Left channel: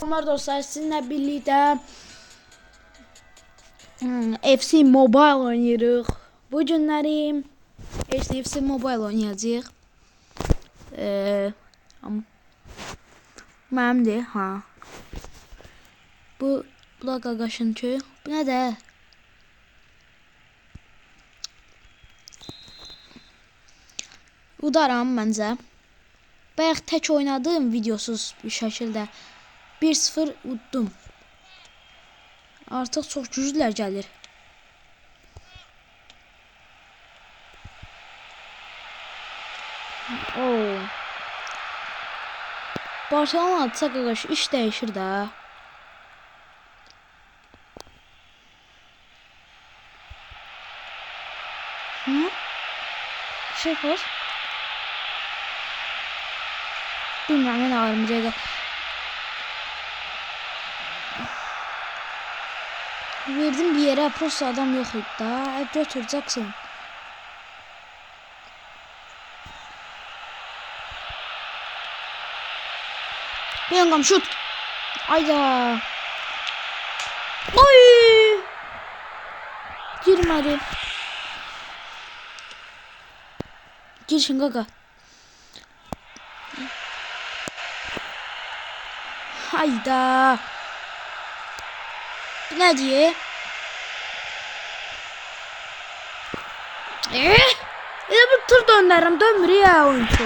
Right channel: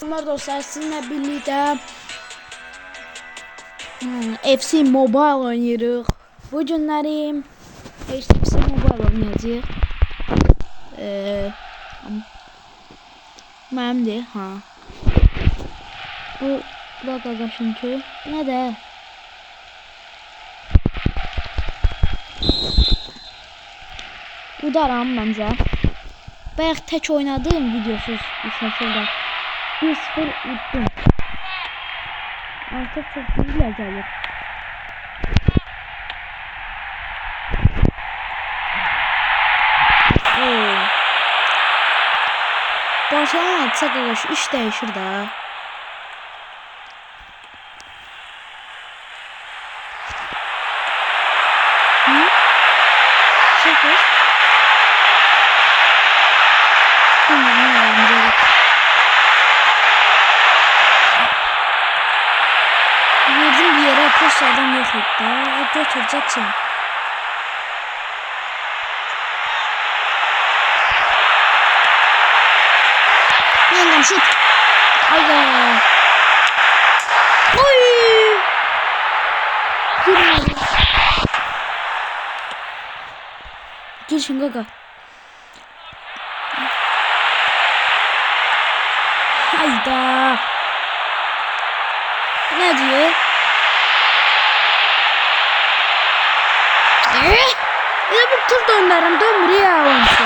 Selamlar dostlar, sizinle birlikte FC Mobile oynayırıq. Bu günləri FC Mobile oynayacağıq. Mənimdir, ha. Bu qaqaşın köy. Bu nə də? Udaram məncə. Bayaq tək oynadım videosuz bir şəkildə. 1-0 uddum. Artıq çox güclülər gəlir. Barcelona atsa qaqaş iş dəyişir də. Şəkər. Bilməm, nə aramıza. Verdim bir yere, post adam yok da. Götüreceksin. Yengam şut. Ayda. Oy. Girmedi. Girsin gaga. Hayda. Ne diye? Bir tur döndürürüm, dönmür ya oyuncu.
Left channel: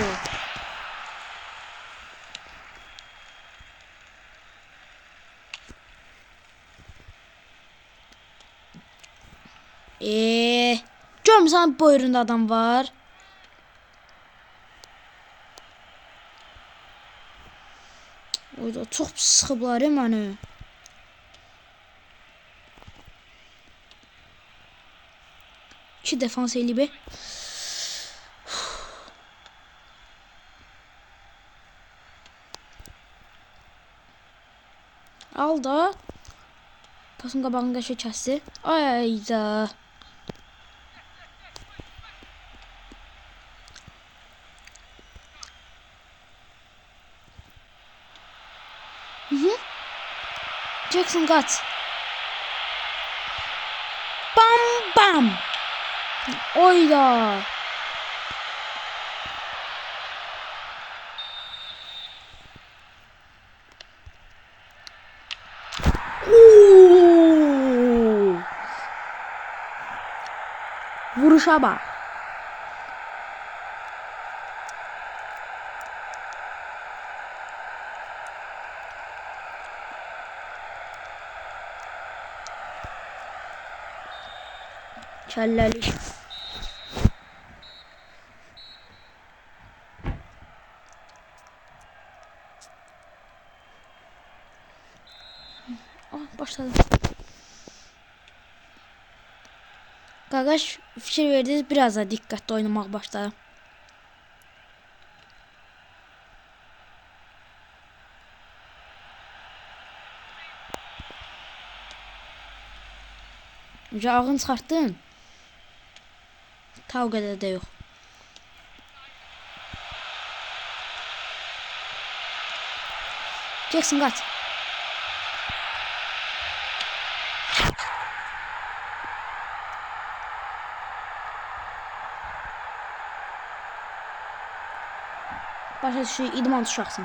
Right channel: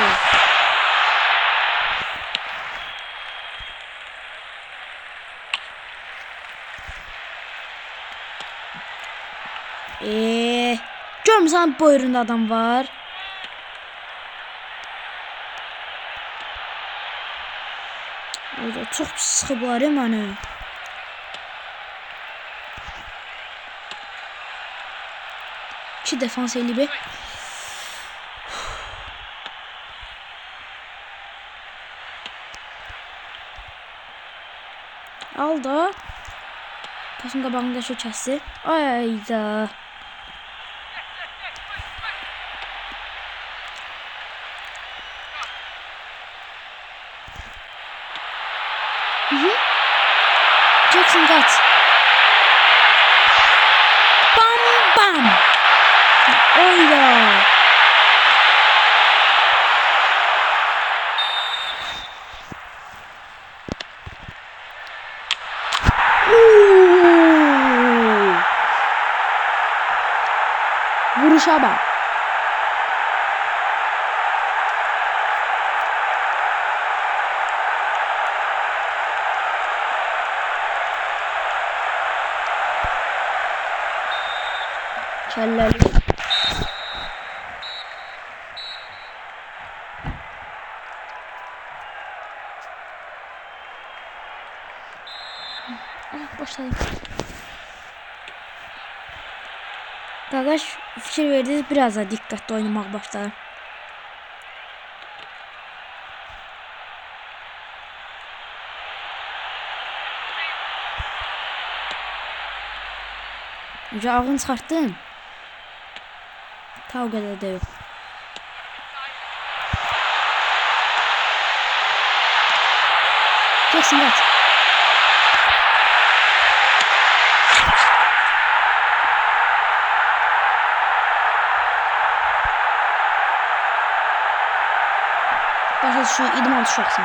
Görmüsən bu oyunda adam var. Orada çox sıxıblar məni. İki defans eli bir. Al da. Pasın qabağında şu kəsdi. Ayda. Jackson kaç. Bam bam. Oyla. Vuruşa bak. Kelleli. Başladım. Qaqaş fikir verdiniz, biraz da diqqətli oynamaq başladı. Ağını çıxartdım. Ta o qədər də yox. Jackson kaç. Başa şu idman tuşaksın.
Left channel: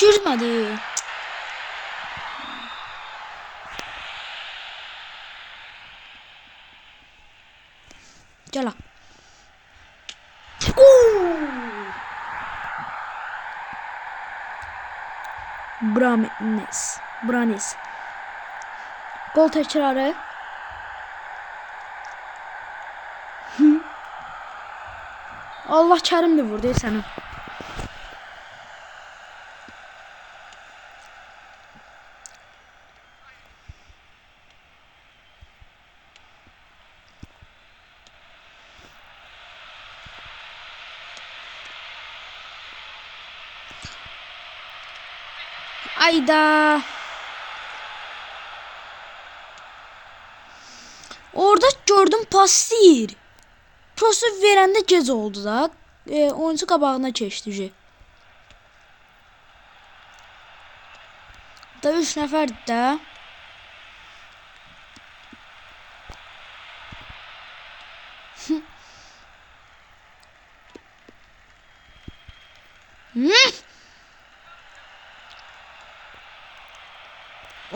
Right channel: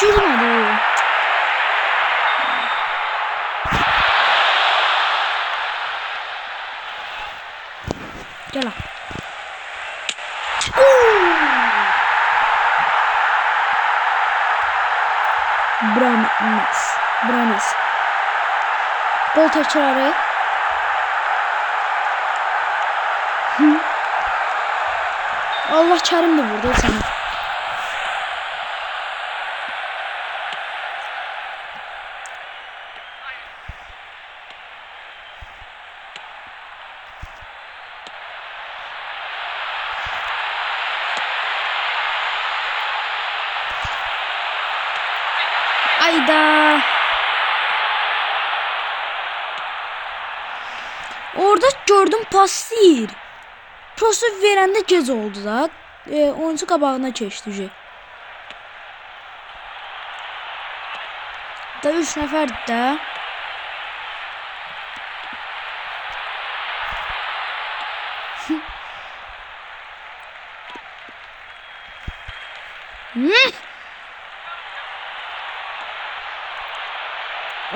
Çözmedi. Gel. Branis. Bol tekrarı. Allah Kerim de vurdu seni. Ayda. Orada gördüm pas değil. Prosu verəndə gec oldu da. Oyuncu qabağına keçdi. Da 3 nəfərdir də.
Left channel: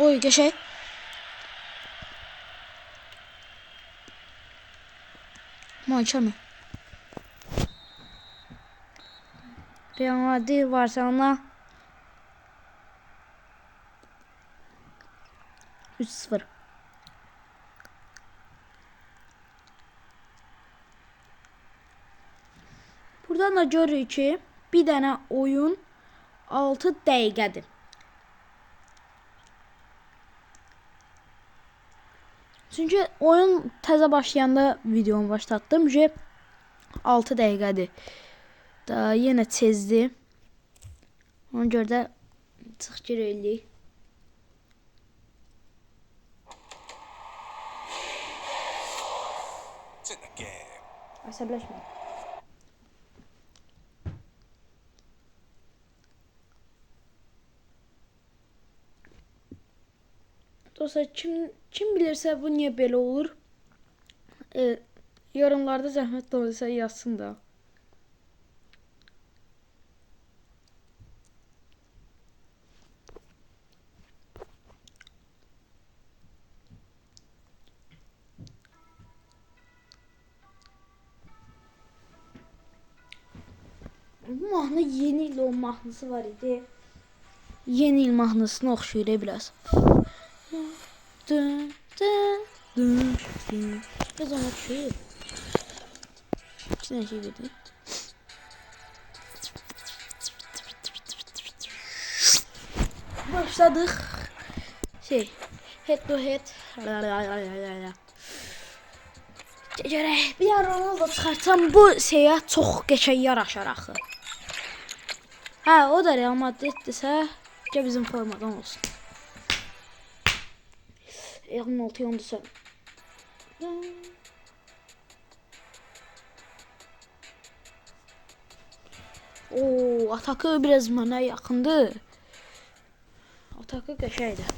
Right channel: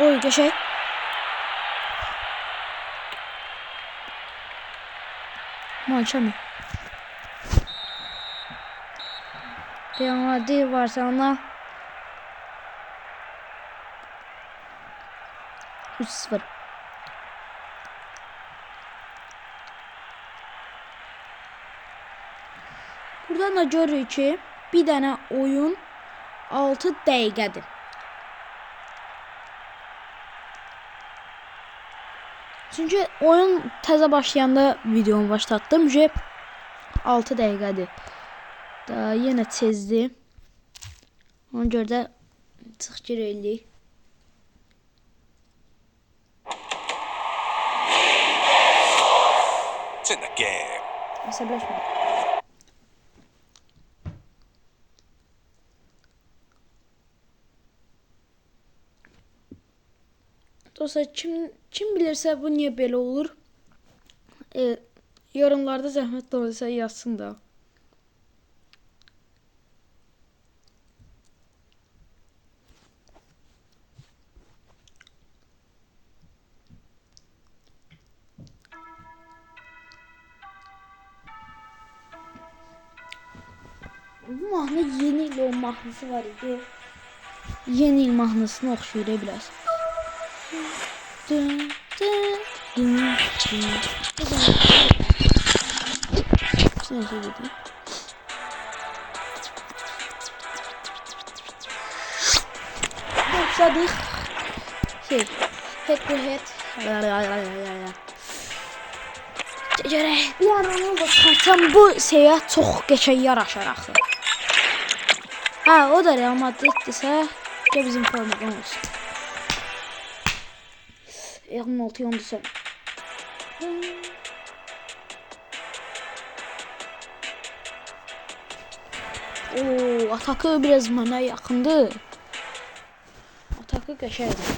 Oy qəşəng. Mançamı. Real Madrid Barcelona 3-0. Buradan da görürük ki bir dənə oyun 6 dəqiqədir. Çünkü oyun təzə başlayanda videomu başlattım. 6 dəqiqədir. Daha yenə tezdir. Ona görə də çıx girəylik. Əsəbləşmə. Dostlar, kim bilirsə bu niyə belə olur? Yorumlarda zəhmət olursa yazsın da. Bu mahnı yeni il o mahnısı var idi. Yeni il mahnısına oxşuyur biraz. Dün. İçine şey dedi. Başladık. Head to head. Bir aranı da çıxarsam bu şeyə çox qəşəng yaraşar axı. Ha, o da Real Madriddirsə, ki bizim formadan olsun. 16 yandı sen. Oo, atakı biraz bana yakındı. Atakı qəşəngdir.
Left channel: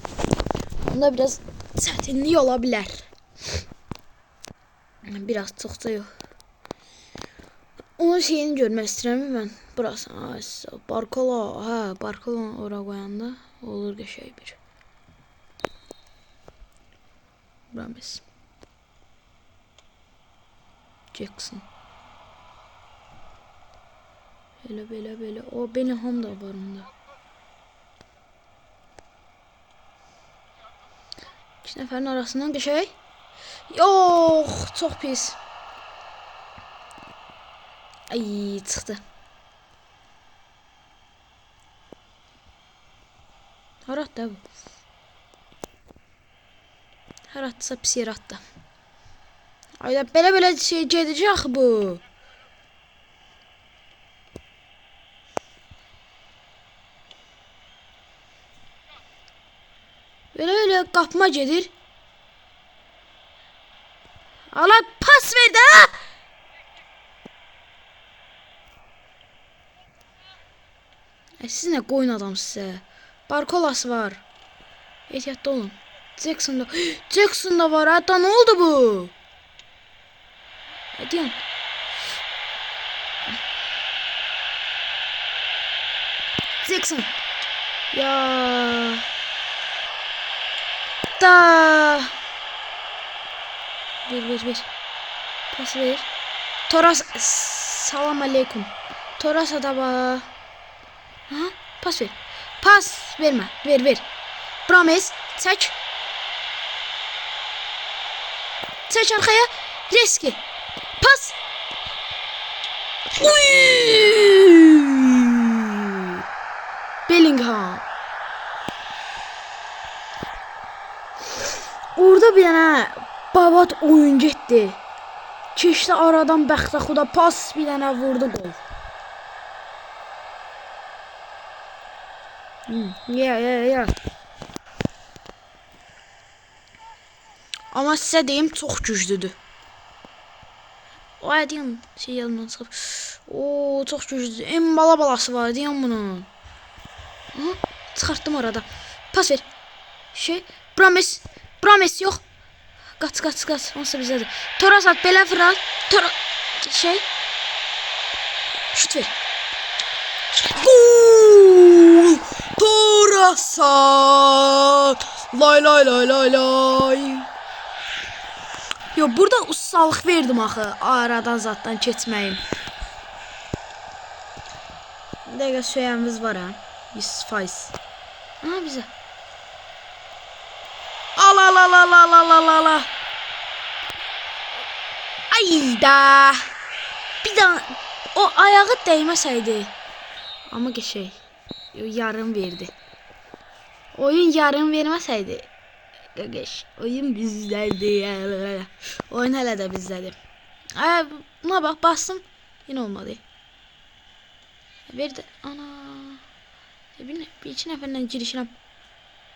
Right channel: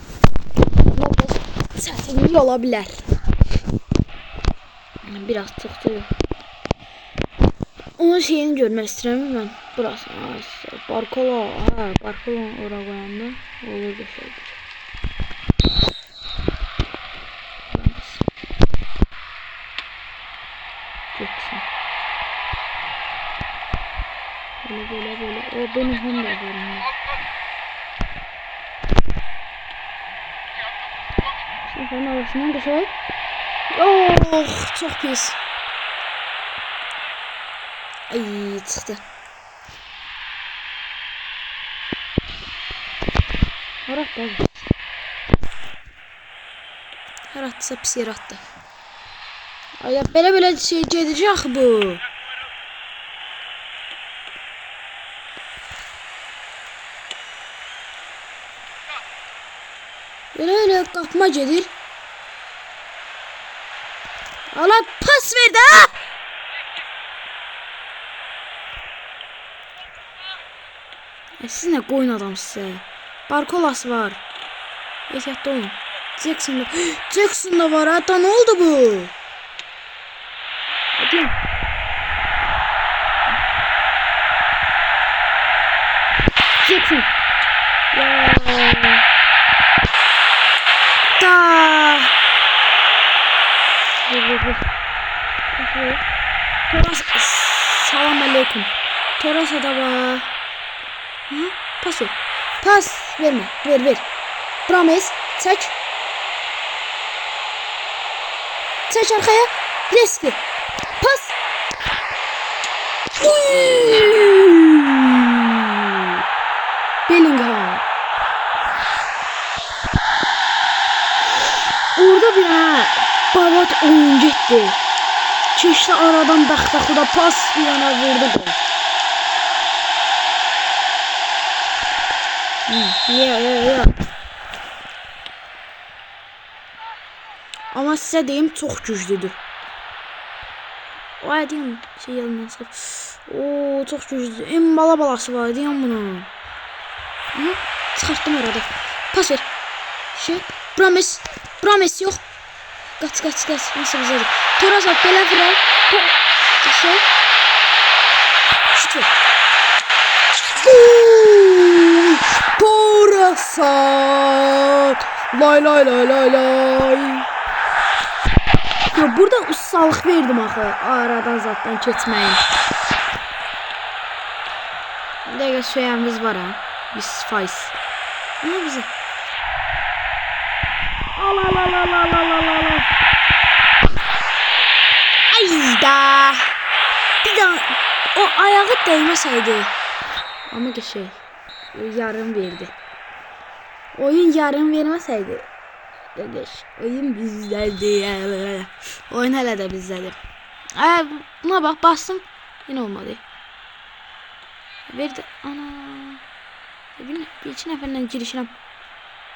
Bunda biraz çətinlik ola bilər. Biraz çıxdı. Onun şeyini görmək istəyirəm mən. Burası. Barkola. Ha, Barkola ora qoyanda olur qəşəngdir. Jackson. Böyle. O benim Honda var. Sınıfların arasından bir şey. Yok, çok pis. Ay, çıktı. Harat da bu. Her atsa pis yer attı. Ay, belə şey gedəcək bu. Böyle kapma gedir. Allah pas ver də. Siz nə qoyun adamsınız? Barkolas var. Ehtiyatlı olun. Jackson da var. Hatta ne oldu bu? Hadi. Jackson. Ya. Da. Ver. Pas ver. Toras. Salam aleyküm. Toras'a da var. Ha? Pas ver. Pas verme. Ver. Promes. Çək. Çək arkaya. Reski. Pas. Bellingham. Orada bir yana babat oyun getdi. Keçdi aradan Bəxtəxuda pas bir yana vurdu gol. Ya. Ama sizə deyim çox güclüdür. O deyim şey yadımdan çıxıb. Oo çox güclüdür. En balası var deyim bunun. Aha, çıxartdım arada. Pas ver. Promes yox. Qaç. Nasıl bizədir? Torasat belə viral. Şut ver. Torasat. Lay. Yo burada ustalıq verdim axı. Aradan zatdan keçməyin. Dəqiqə söyəmiz var ha. 100%. Aha bizə. Ala. Ayda. Bir daha o ayağı değməsəydi. Amma geçey. Yarım verdi. Oyun yarım verməsəydi. Geç. Oyun bizdədir. Oyun hələ də bizdədir. Buna bax bastım. Yine olmadı. Verdi. Ana. Bir iki nəfərlə girişirəm.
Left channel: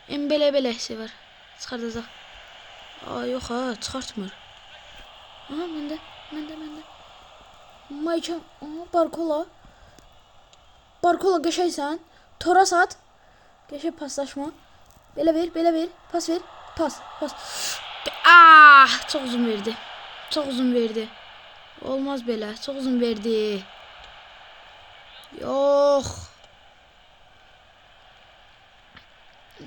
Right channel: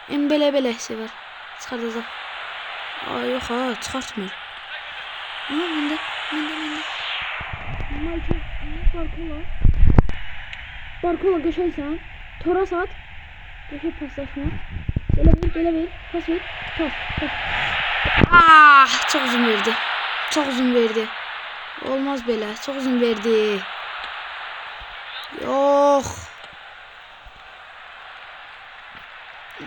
Belə var. Çıxardacaq. Yox ha, çıxartmır. Aha, məndə. Michael, Barkola qəşəysən. Torasat. Qəşəy paslaşma. Belə ver. Pas ver. Pas. Çox uzun verdi. Olmaz belə. Çox uzun verdi. Yox.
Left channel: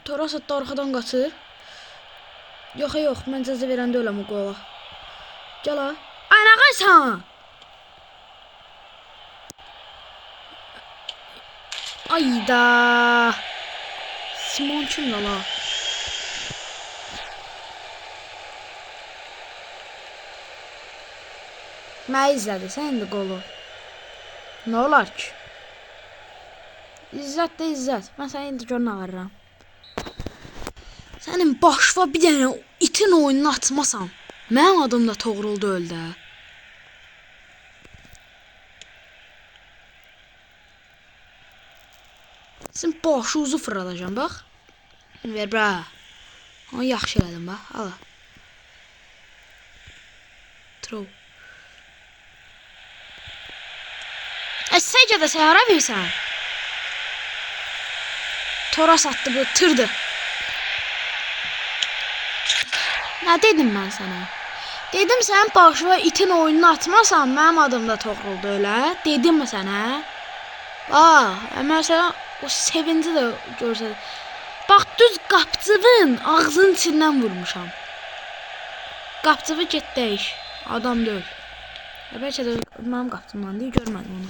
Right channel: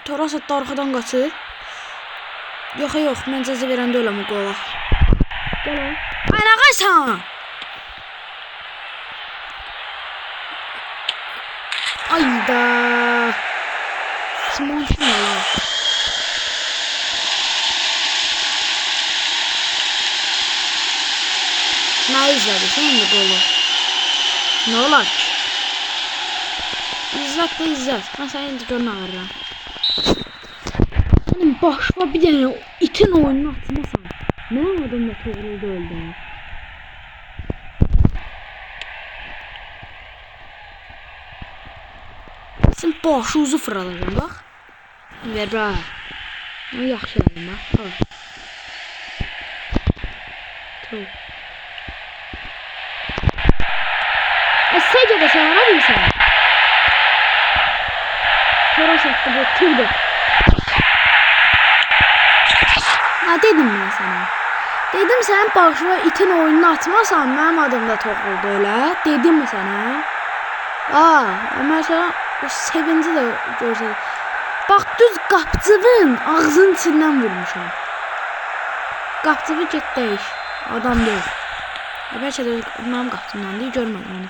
Torasat da arxadan qaçır. Yox, mən cəzə verəndə öləm o qola. Gəl ha. Ayna qaysan. Ayda. Simonçun ala. Nə izlədi sən indi qolu? Nə olar ki? İzzət. Mən səni indi görünə verirəm. Sənin başva bir dənə itin oyununu açmasan, mənim adım da Toğrul deyil də. Sən başuzu fırladacam, bax. Ver, bra. Onu yaxşı elədim, bax. Al. True. Səncə də sən ara bilirsən? Torasatdı bu, tırdı. Ha dedim mən sənə. Dedim sən başına itin oyununu atmasan mənim adım da Toğrul elə. Dedim mi sənə? Məsələn o sevinci də görsədi. Bax düz qapçının ağzının içindən vurmuşam. Qapçını get dəyiş. Adam deyil. Bəlkə də mənim qapçımdan deyil, görmədim onu.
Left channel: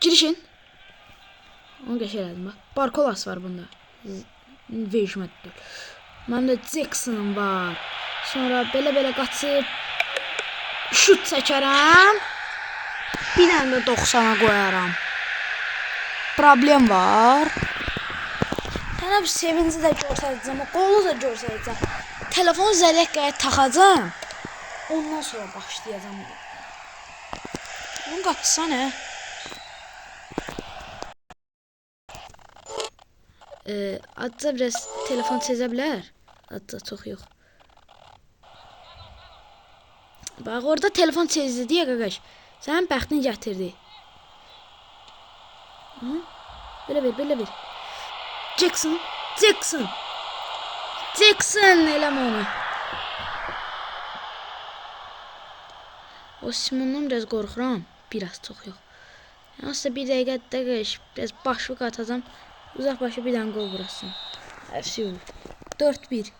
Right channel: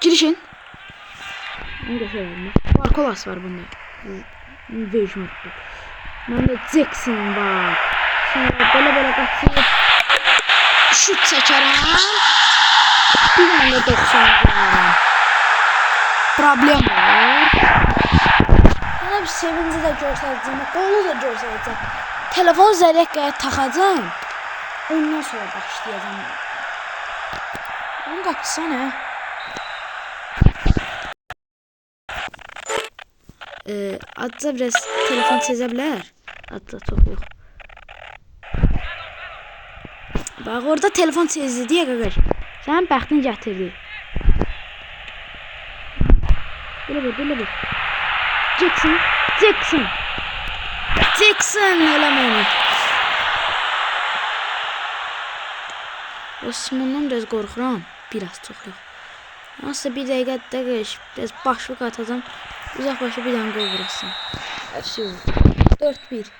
Girişin. Onu geçelim bak. Barkolas var bunda. Vejmetli. Bunda Jackson var. Sonra belə qaçıb şut çəkərəm. Bir dənə də 90 qoyaram. Problem var. Tənə bir sevinci də görsədəcəm. Qolu da görsədəcəm. Telefon zələkə taxacam. Ondan sonra başlayacağım. Onu qaçsana. Adca biraz telefon çizə bilər. Adca çox yox. Bax orada telefon çizdi deyə qaqaş. Sənin bəxtin gətirdi. Belə bir. Jackson eləmə onu. O Simondan biraz qorxuram. Biraz çox yox. Nasıl bir dəqiqə dəqiq biraz başlıq atacağım. Uzaq başı bir dənə qol vurasın. Hər şey olur. 4-1.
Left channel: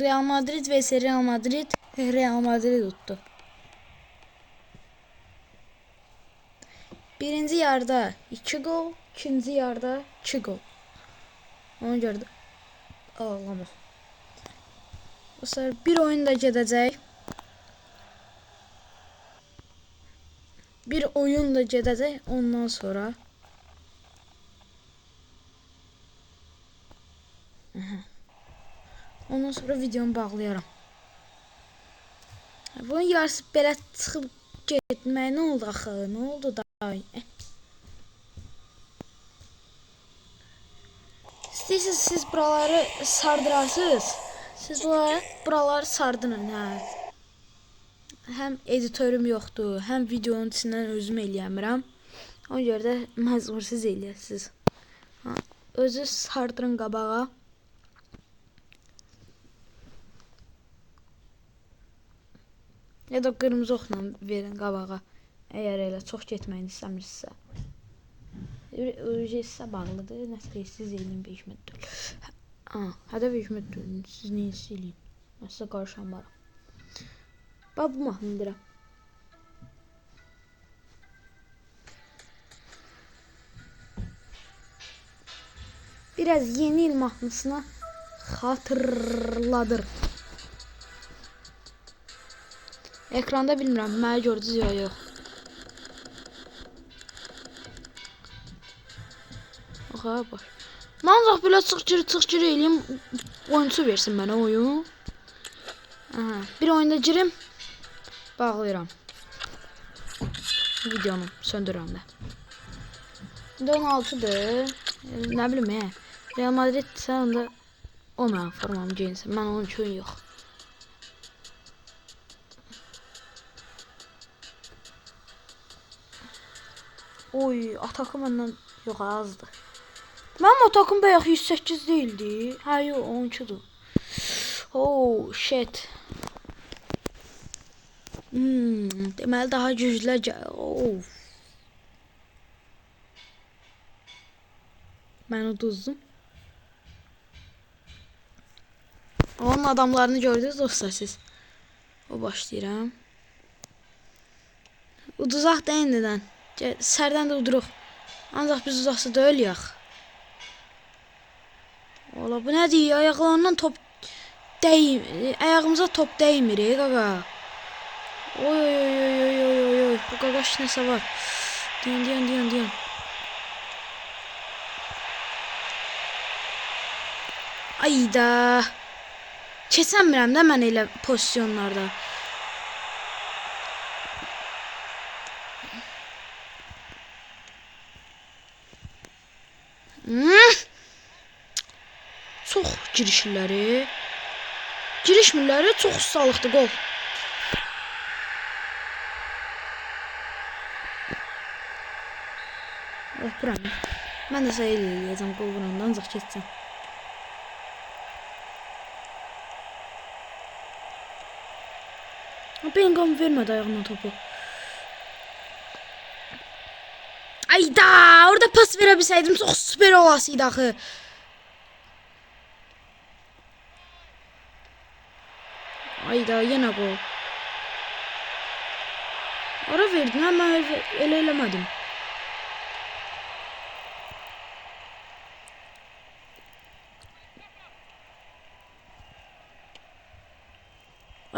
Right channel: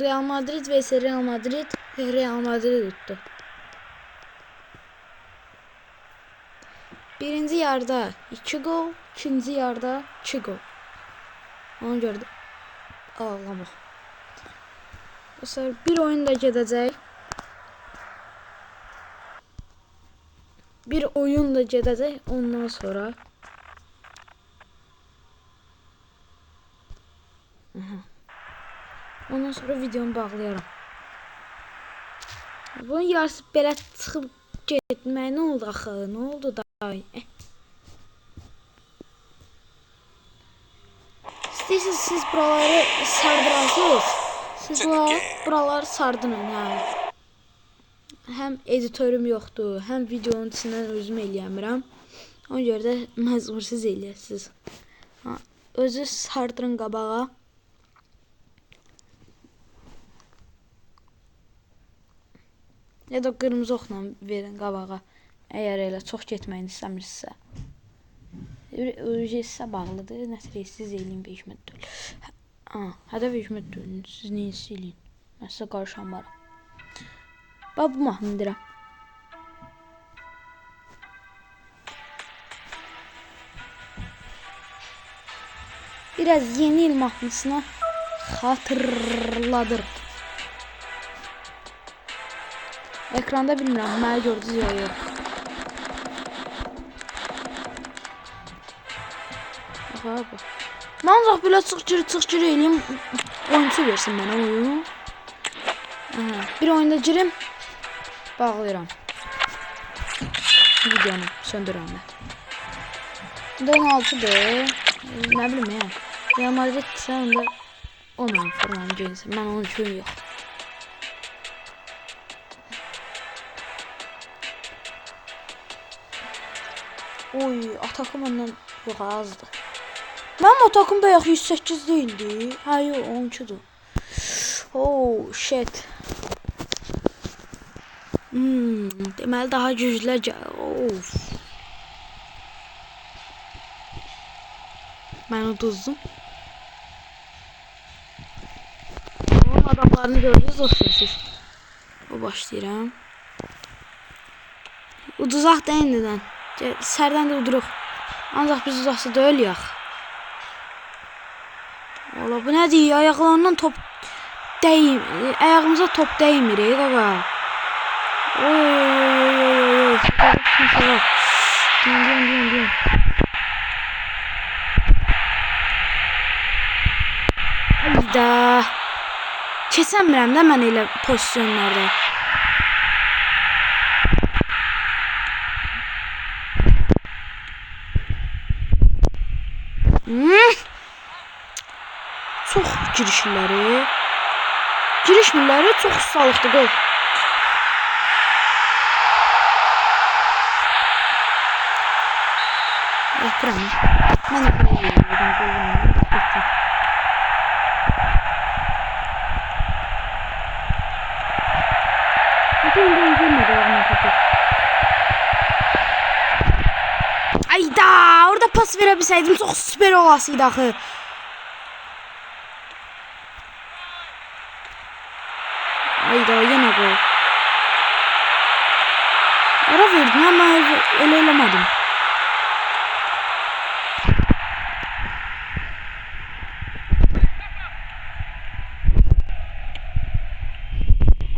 Real Madrid vs Real Madrid tuttu. Birinci yarda 2 gol, ikinci yarda 2 gol. Onu gördüm. Ağlama. O sefer bir oyun da gedəcək. bir oyunla gedəcək ondan sonra. Ondan sonra videomu bağlayaram. Bunun yarısı belə çıxıb getmək nə oldu axı? Nə oldu da? İstəyirsiniz siz buraları sardırarsınız. Siz buraları sardının, hə. Həm editörüm yoxdur, həm videonun içindən özüm eləyəmirəm. Ona görə də məcbursuz eləyəsiniz. Özü sardırın qabağa. Ya da qırmızı oxla verin qabağa. Əgər elə çox getməyini istəmirsinizsə. Sizə bağlıdır. Nəsə siz eləyin Vecmet deyil. Hədə Vecmet deyil. Siz neyinizi eləyin. Mən sizə qarışanmaram. Bax bu mahnı indirəm. Biraz yeni il mahnısına xatırladır. Ekranda bilmirəm, mənə gördünüz ya yox. Bax. Mən ancaq belə çıx-gir eləyim, oyunçu versin mənə oyun. Bir oyunda girim, bağlayıram. Videonu söndürürəm də. 16'dır. Nə bilim ya. Real Madrid sən onda o mənim formamı geyinsin. Mən onun üçün yox. Oy, atakım məndən yox azdır. Mənim atakım bayaq 108 değildi. Ha yox, 12'dur. Oh shit. Deməli daha güclülər of. Mən uduzdum. Onun adamlarını gördünüz siz. O başlayıram. Uduzaq da indidən. Sərdən də uduruq. Ancaq biz uzaqsa da ölüyək. Ola bu nədir? Ayaqlarından top dəymir. Ayağımıza top dəymir qaqa. Oy. Qardaş nəsə var. Deyən. Ayda. Keçəmirəm də mən elə pozisyonlarda. Çox girişmirləri çox ustalıqdır qol. Yapıram. Mən də sayı eləyəcəm qolundan ancaq keçsin. Bellingham vermedi ayağına topu. Ayda orada pas verebilseydim çok süper olasıydı axı. Ayda yine gol. Ara verdim ama öyle eləmədim.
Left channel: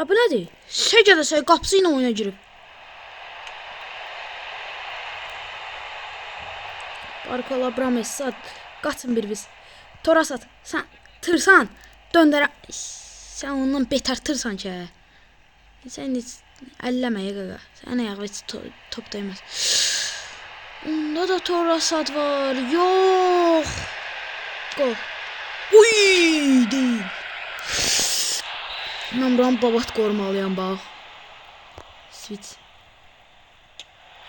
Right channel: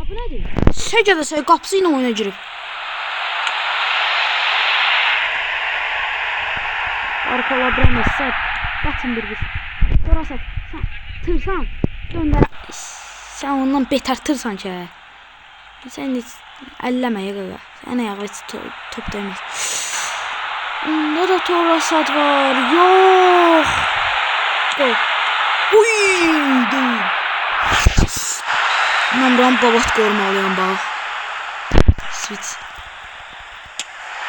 Bu nədir? Səcədə qapısı ilə oyuna girib. Arkalabram sat. Qaçın bir biz. Torasat. Sən tırsan. Döndərə. Sən ondan betər tırsan ki. Sən heç əlləmə qaqa. Sən ayağı heç top dəyməz. Onda da Torasat var. Yox. Gol. Uy! Deyil. Mən buranı babat qorumalıyam bax. Switch.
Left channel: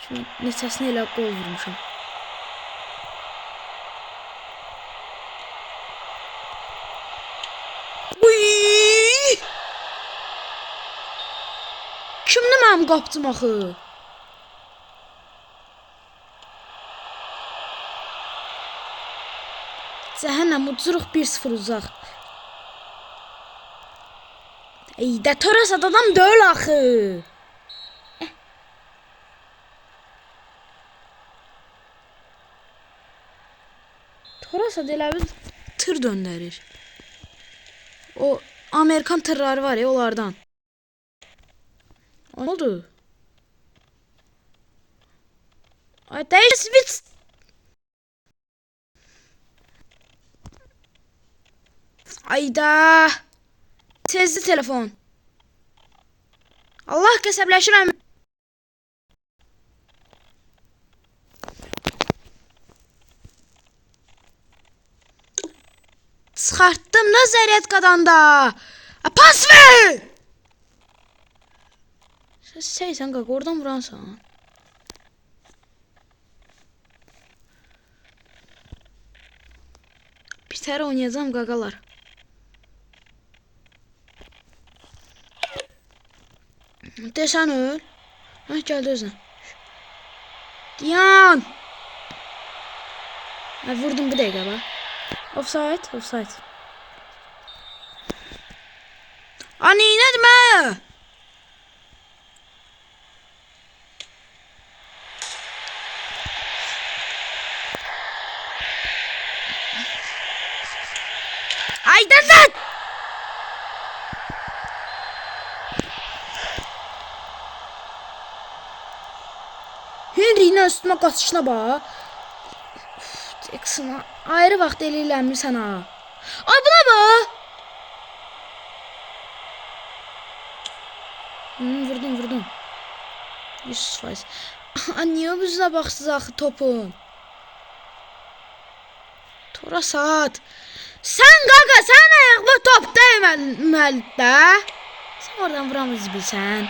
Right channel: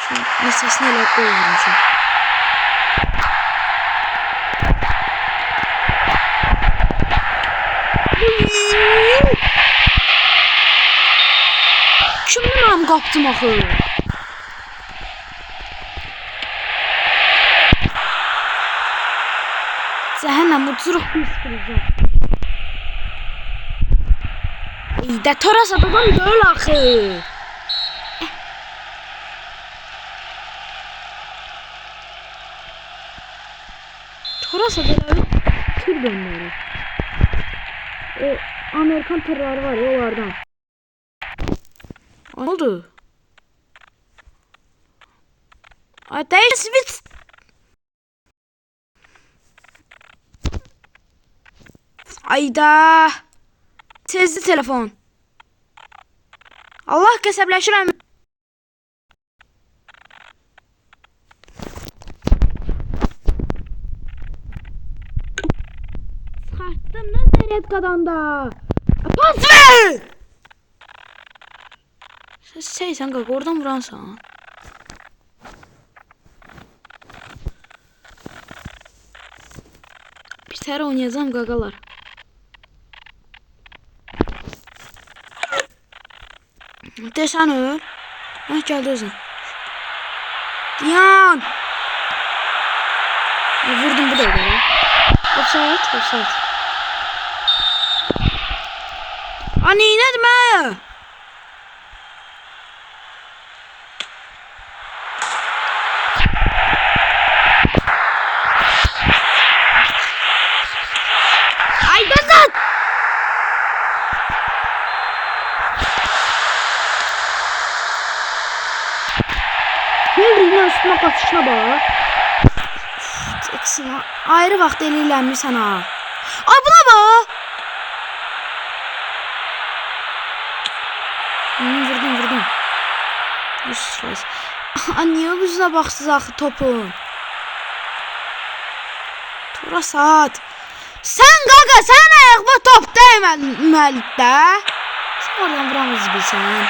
Şu mesasını elə qol vurmuşum. Kimdir mənim qapdım axı? Cəhənnəm uçuruq 1-0 uzaq. İyi de Torasat adam deyil axı. Torasat elə bir tır döndürür. O Amerikan tırları var ya onlardan. Ne oldu? Ateş switch. Ayda. Tezli telefon. Allah qəsəbləşirəm. Çıxartdım da zərət da. Pas ver! Sen qaq, oradan vuransan. Bir tər oynayacağım qaqalar. Desən öl. Hə, gəldi özün. Yan! Vurdum bu dəqiqə. Offside, offside. Ani, nədir mə? Ayda zat! Yine üstüme kaçışına bak. Jackson ayrı vaxt eləyirlər ha. Ay buna bak. Vurdum. 100%. Niye bizə baxsız axı topun? Tora saat. Sen qaqa, sen ayaqma top dəyməli də. Sen oradan vuramız bilsən.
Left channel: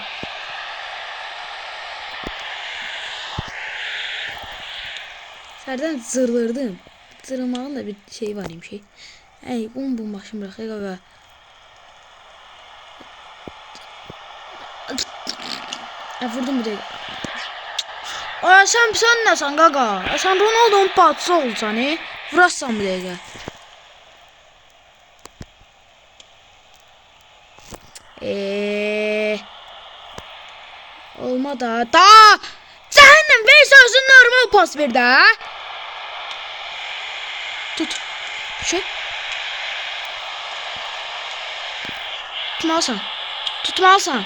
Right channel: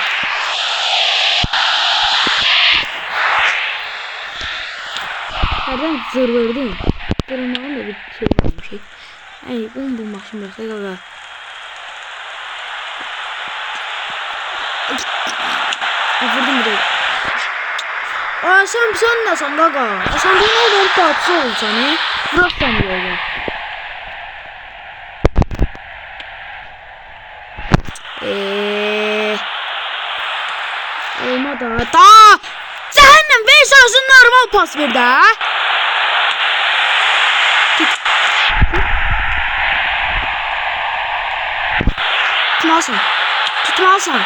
Nereden zırvırdım? Zırlamanın da bir şey var şey. Ey, bu maşın bırakıyor gaga. Vurdum bir de. Aa sen nesin gaga? Sen Ronaldo'nun patsı olsan he? Vurarsan bir de. Olmadı. Da! Cehennem Veysels'ın normal pas ver de. Tut. Şu. Tutmalsan. Tutmalsan.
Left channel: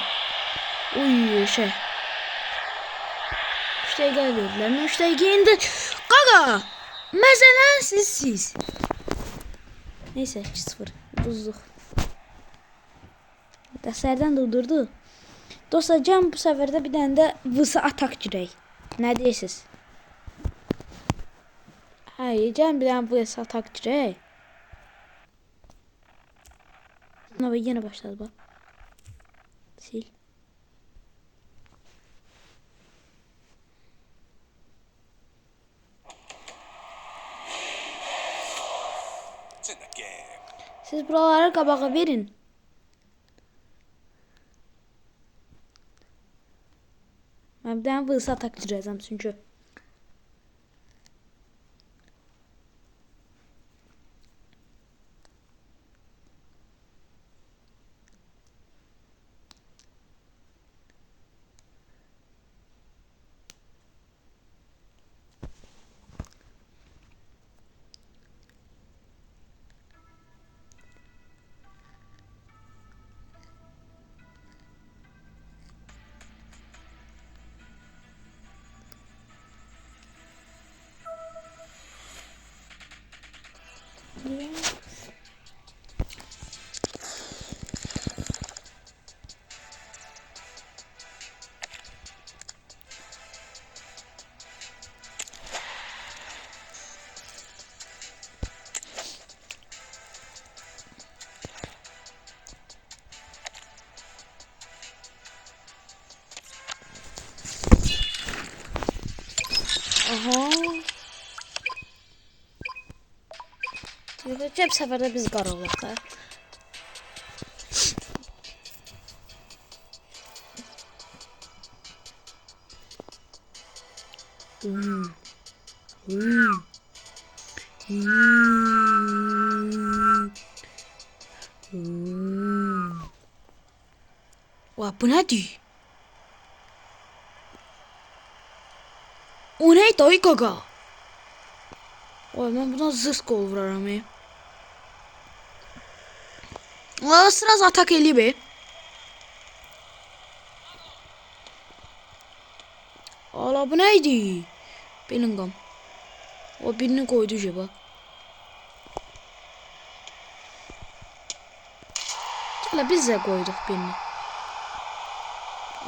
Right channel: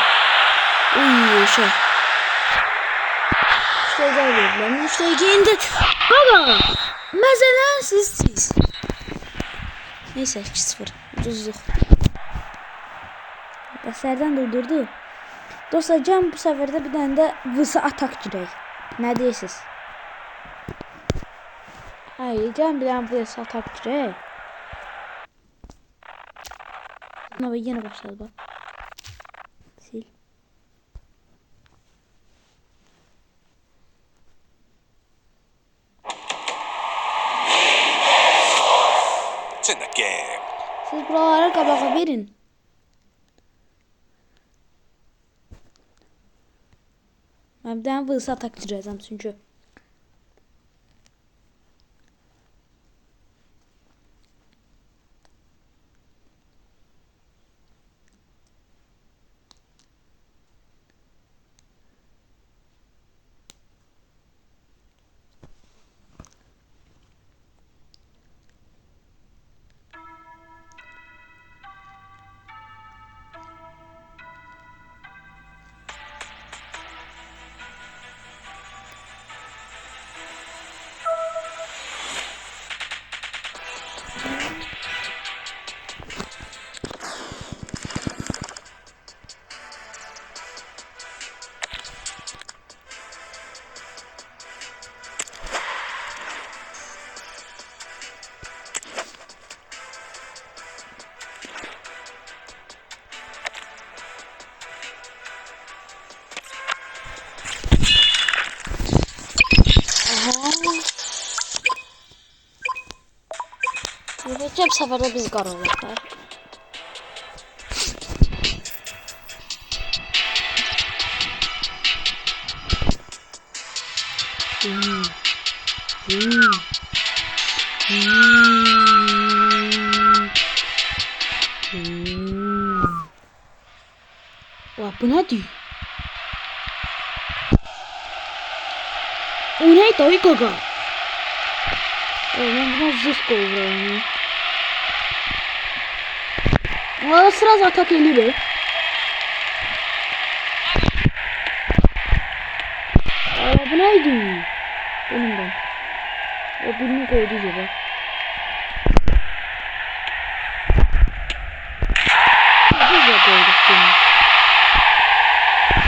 Uy şey. Müşteri verdiler. Müşteri indi. Gaga. Mesela siz. Neyse 2-0. Ucuzluq. Qəsərdən durdurdu. Dostlar Can bu sefer de bir tane de vısı atak girək. Ne deyirsiniz? Hayır Can bir tane vısı atak girək. Ama yine başladı bak. Sil. Siz buralara kabağa verin. Ben bir tane vısı atak girəcəm çünkü. Hep seferde biz qarılırlar. Bu nedir? O ne dayı gaga? Ben buna zırh kovuram. Sıraz atak eli be. Aa bu neydi? Bellingham. O birini koydu acaba. Ya biz de koyduk birini.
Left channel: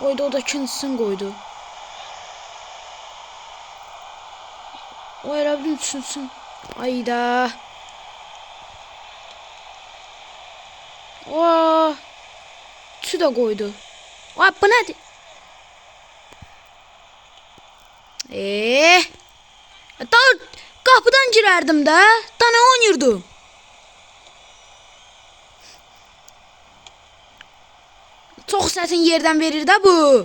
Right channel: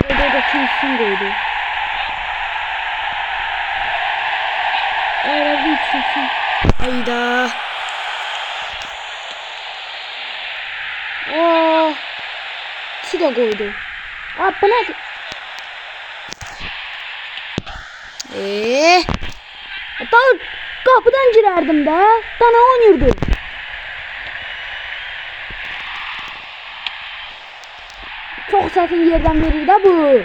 Koydu, o da ikincisini koydu. Hayır bir üçüncüsün. Hayda. Oo. Su da koydu. Aa, bu nedir? Daha kapıdan girerdim de. Daha ne oynuyordum? Çok səsin yerden verir de bu.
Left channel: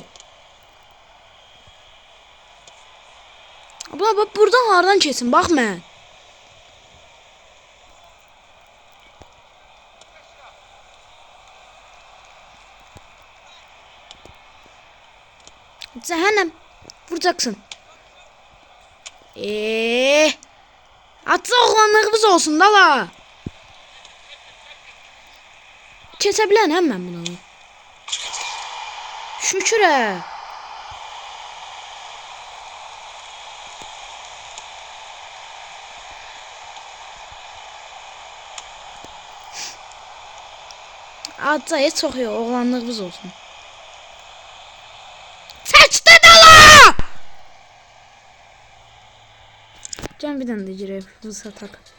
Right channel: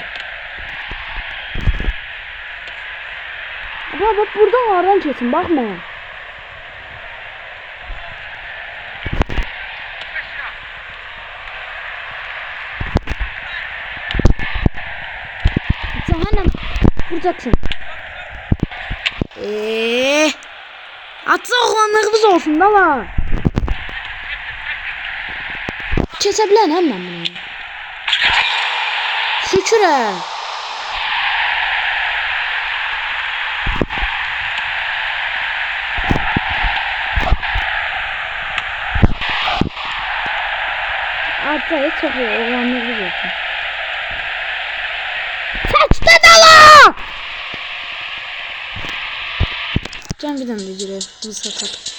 Bak buradan hardan kesin bakma. Sen hemen vuracaksın. Atsa oğlanlığımız olsun da la. Kesebilen hemen bunu. Şükür he. Atsa çok iyi oğlanlığımız olsun. Saçta dala! Can bir tane de gireyim. Hızlı satak.